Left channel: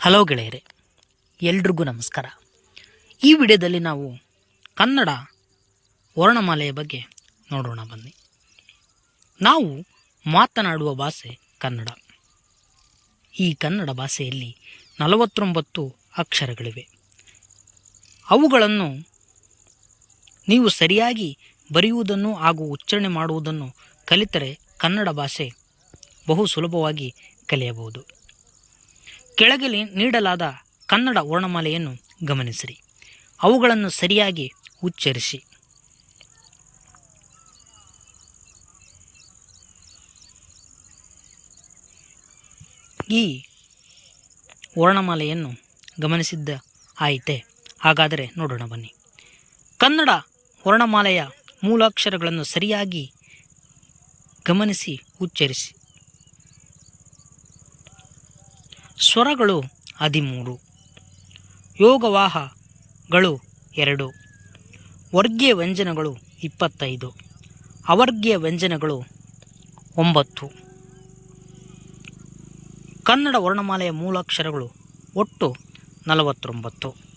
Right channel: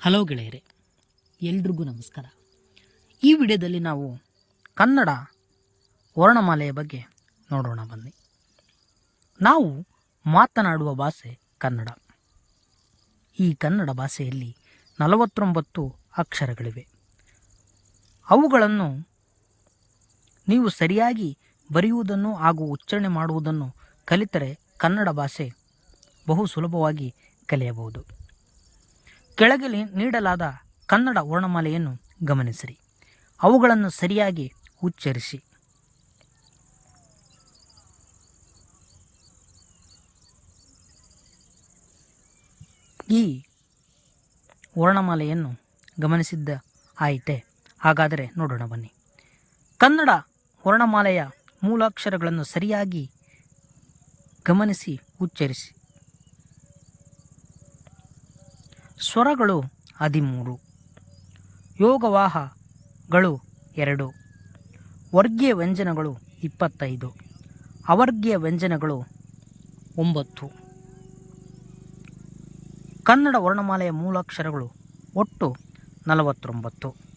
Hello ಗೆಳೆಯರೆ, ಎಲ್ರಿಗೂ ನಮಸ್ಕಾರ. ಈ ವಿಡಿಯೋದಲ್ಲಿ ನಾವು ಕನ್ನಡ ವರ್ಣಮಾಲೆಯ ಬಗ್ಗೆ ನೋಡೋಣ ಬನ್ನಿ. ನಾವು ಮಾತನಾಡುವ ಭಾಷೆ ಕನ್ನಡ. ಈ ಕನ್ನಡ ಭಾಷೆಯಲ್ಲಿ 49 ಅಕ್ಷರಗಳಿವೆ. ಅವುಗಳನ್ನು ನೀವು ಸರಿಯಾಗಿ ಬರೆಯುವುದನ್ನು ಹಾಗೂ ಉಚ್ಚಾರಣೆ ಮಾಡುವುದನ್ನು ಕಲಿತರೆ ಕನ್ನಡ ಭಾಷೆ ಬಹು ಸುಲಭವಾಗಿ ಕಲಿಯಬಹುದು. ಕೆಳಗೆ ನೀಡಲಾದ ಕನ್ನಡ ವರ್ಣಮಾಲೆಯನ್ನು ಗಮನಿಸಿರಿ. ಅವುಗಳನ್ನು ಸರಿಯಾಗಿ ಉಚ್ಚರಿಸಿ. ಈ ವರ್ಣಮಾಲೆಯನ್ನು ಗಮನಿಸಿದ್ದ ಆಯಿತೆ? ಹಾಗಾದರೆ ನೋಡೋಣ ಬನ್ನಿ. ಕನ್ನಡ ವರ್ಣಮಾಲೆಯ ಮೂಲಾಕ್ಷರಗಳನ್ನು ಸರಿಯಾಗಿ ಗಮನಿಸಿ ಉಚ್ಚರಿಸಿ. ಸ್ವರಗಳು 13, ಯೋಗವಾಹಗಳು 2, ವರ್ಗೀಯ ವ್ಯಂಜನಗಳು 25, ಅವರ್ಗೀಯ ವ್ಯಂಜನಗಳು 9. ಕನ್ನಡ ವರ್ಣಮಾಲೆಯ ಮೂಲಾಕ್ಷರಗಳು ಒಟ್ಟು 49.